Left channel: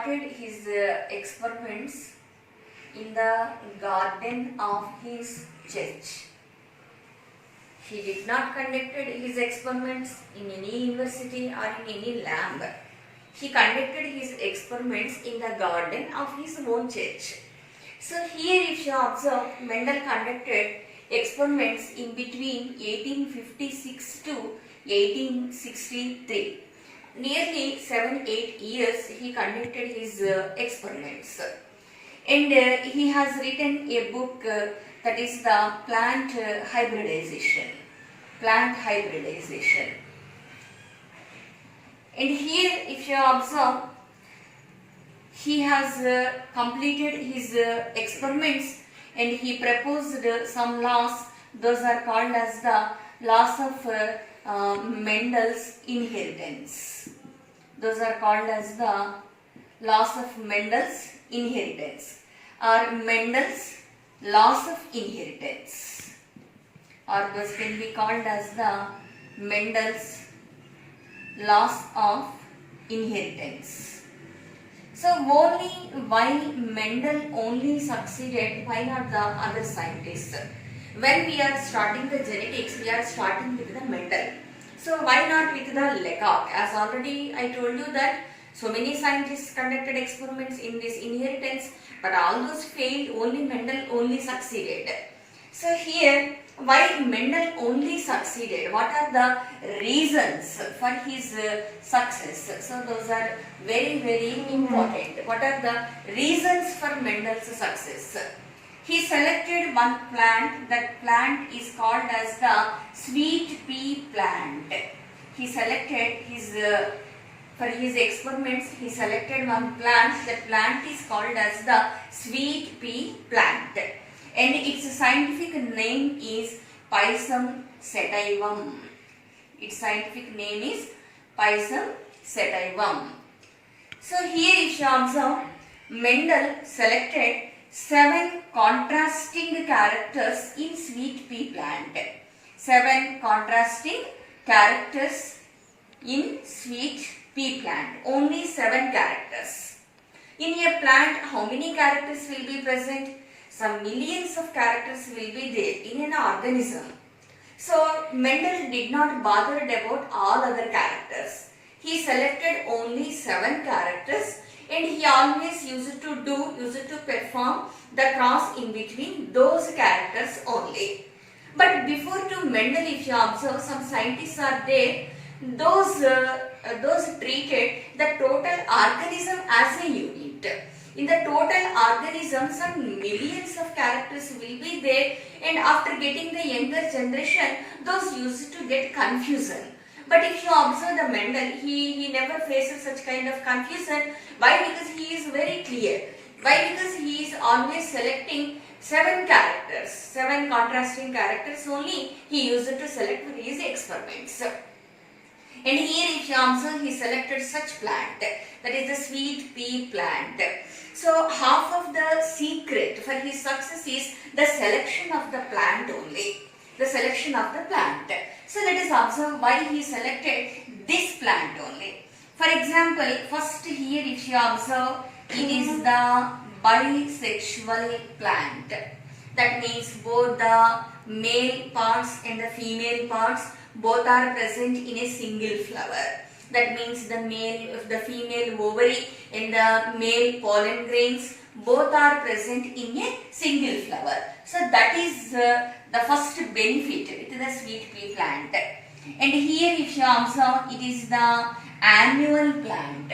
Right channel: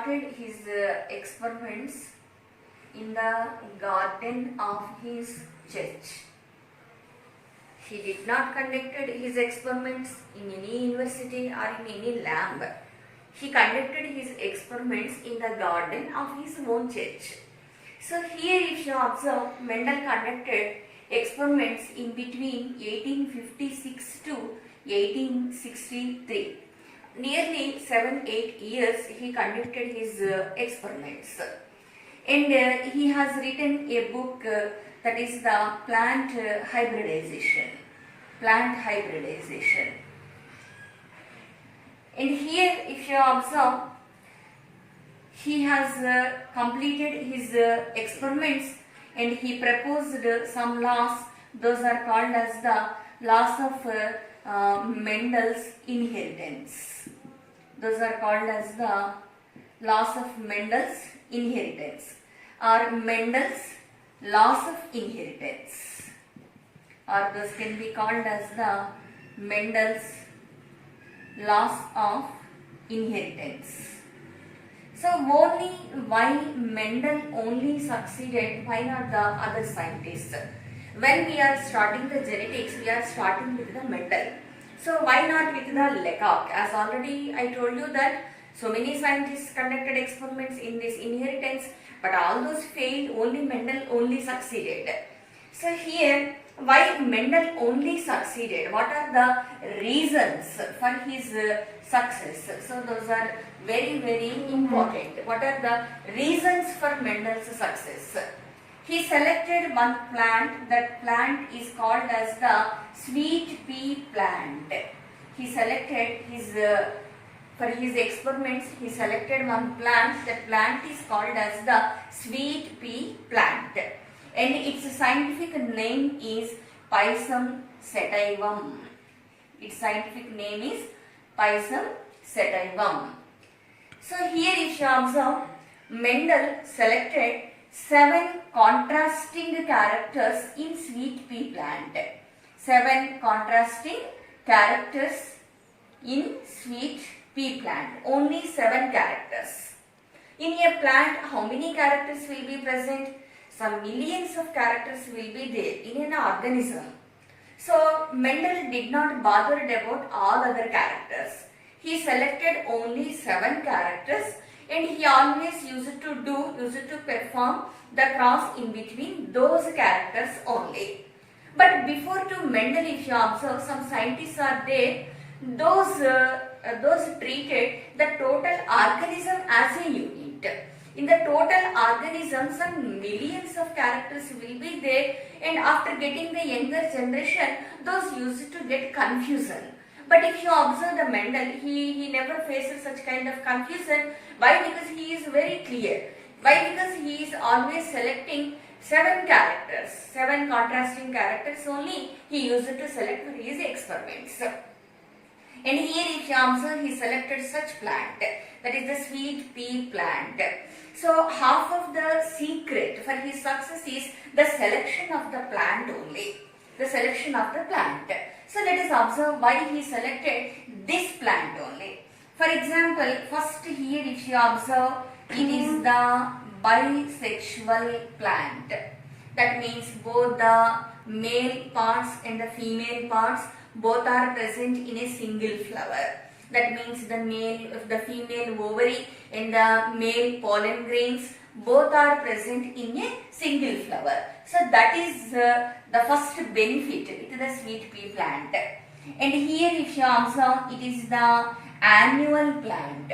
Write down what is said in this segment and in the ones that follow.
started his experiments in the garden of his church. He did not conducted his experiments in any university or in any lab. He conducted his experiments in the garden of his own church. So here if you observe, Mendel conducted experiments in between 1856 to 1863. Nearly 7-8 years he conducted his experiments. And he has written a book that is the plant hybridization. Plant hybridization. And here if you observe, he has completed his experiments and he proposed some laws. Those are called as the laws of Mendel's inheritance. Those are called as the laws of Mendel's inheritance or Mendel's laws of inheritance, or those can be called as the Mendel's laws of inheritance. So only why Mendel only succeeded, why not the other scientists? When we are starting the genetics, we are starting with the Mendel. So why not with the Lecoq? As already I told you that so many scientists conducted experiments in this inheritance, but all those failed, only Mendel only succeeded. So here, why Mendel only succeeded? What are the reasons for his success? So those are very important. What are the reasons for Mendel's success? He selected one plant. That plant is called as the sweet pea plant. He selected his for his experiments, he selected one plant. The plant is called as the sweet pea plant, and its scientific name is Pisum sativum. Its scientific name is Pisum sativum. So here if you observe, Mendel selected 7 contrasting characters in sweet pea plant. 7 contrasting characters in sweet pea plant. Only 7 characters. In a plant, how many characters will be present? Some millions of characters will be there in an organism. So Mendel did not bother about all other characters. He selected only 7 characters, and he always used to perform the cross in between those characters only. But before to Mendel, if you observe, some scientists are there, those treated the total organism as a unit. In the total organism, some millions of characters will be there, and after getting the younger generation, those used to get confusion. But if you observe the Mendel, he never faces such kind of confusion. Why? Because he is very clear. Why? Because he is always selecting 7 characters, 7 contrasting characters only he used to select for his experiments. And here if you observe, he selected such plant, that is the sweet pea plant. So half of the secret for his success is the selection of the plant only. The selection of the plant. So let us observe why he selected this plant only. For example, first here if you observe, it is the bisexual plant. That means both the male parts and the female parts both are present in a single flower. That means the female ovary and the male pollen grains both are present in a single flower. So that is the first benefit with the sweet pea plant. And here if you observe, it is the annual plant.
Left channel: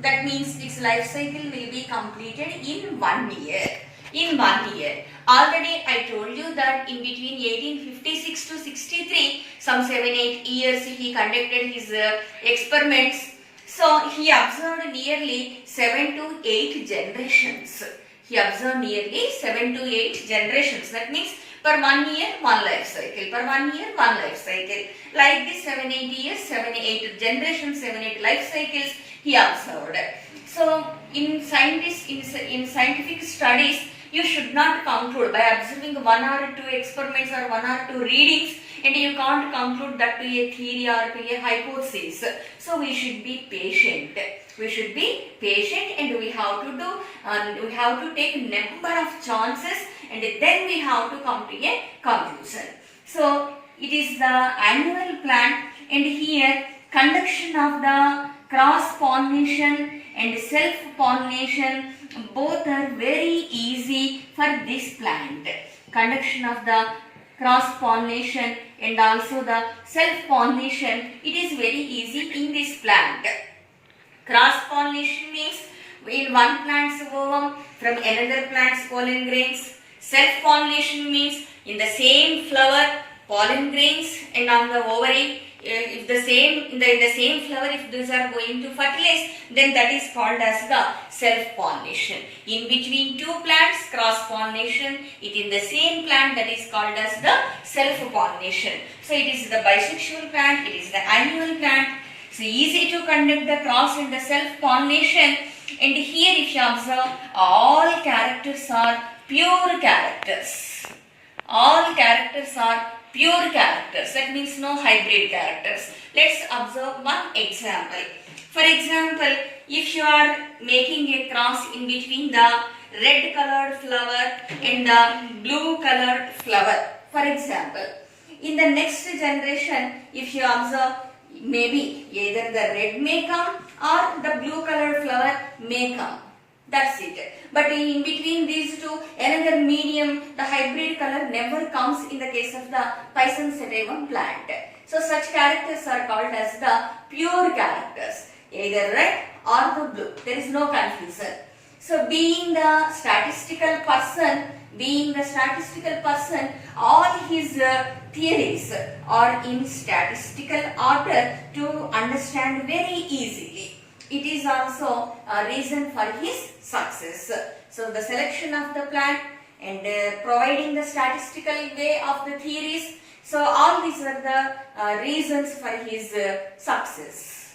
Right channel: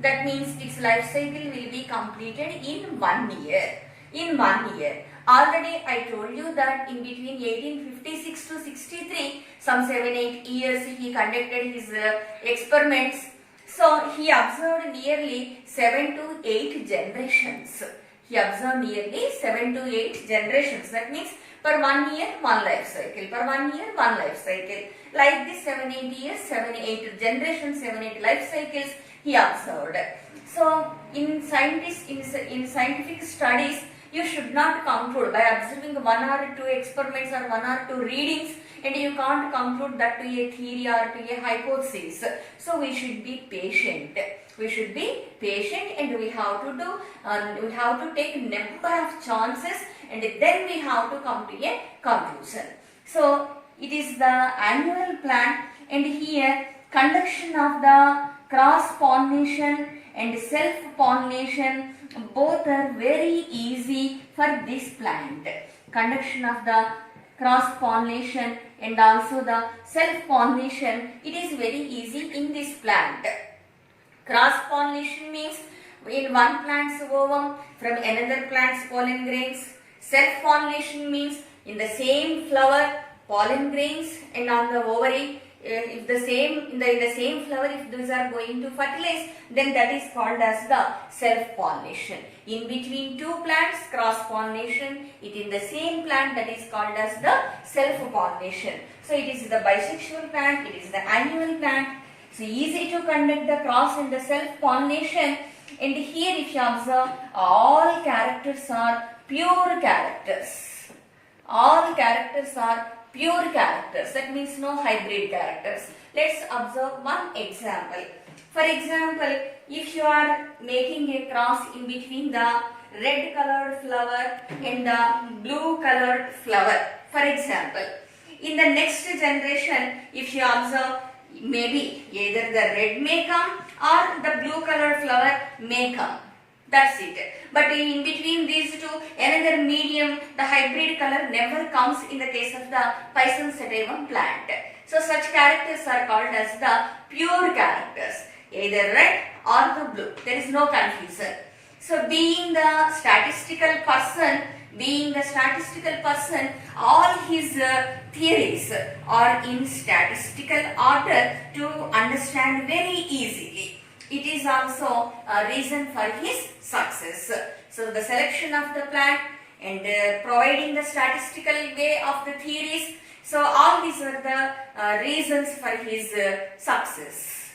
That means its life cycle will be completed in 1 year. In 1 year. Already I told you that in between 1856 to 63, some 7-8 years he conducted his experiments. So he observed nearly 7 to 8 generations. He observed nearly 7 to 8 generations. That means per 1 year, 1 life cycle. Per 1 year, 1 life cycle. Like this 7-8 years, 7-8 generations, 7-8 life cycles he observed. So in scientific studies, You should not conclude by observing one or two experiments or one or two readings, and you can't conclude that to a theory or to a hypothesis. So we should be patient. We should be patient, and we have to do, we have to take number of chances, and then we have to come to a conclusion. So it is the annual plant, and here conduction of the cross pollination and self pollination both are very easy for this plant. Conduction of the cross pollination and also the self pollination, it is very easy in this plant. Cross pollination means in one plant's ovum from another plant's pollen grains. Self pollination means in the same flower pollen grains, and on the ovary, if the same in the same flower, if these are going to fertilize, then that is called as the self pollination. In between two plants, cross pollination. It in the same plant, that is called as the self pollination. So it is the bisexual plant, it is the annual plant. So easy to conduct the cross and the self pollination. And here if you observe, all characters are pure characters. All characters are pure characters. That means no hybrid characters. Let's observe one example. For example, if you are making a cross in between the red colored flower and the blue colored flower. For example, in the next generation, if you observe, maybe either the red may come or the blue colored flower may come. That's it. But in between these two, another medium, the hybrid color never comes in the case of the Pisum sativum plant. So such characters are called as the pure characters, either red or the blue. There is no confusion. So being the statistical person, all his theories are in statistical order to understand very easily. It is also a reason for his success. So the selection of the plant and providing the statistical way of the theories. So all these are the reasons for his success.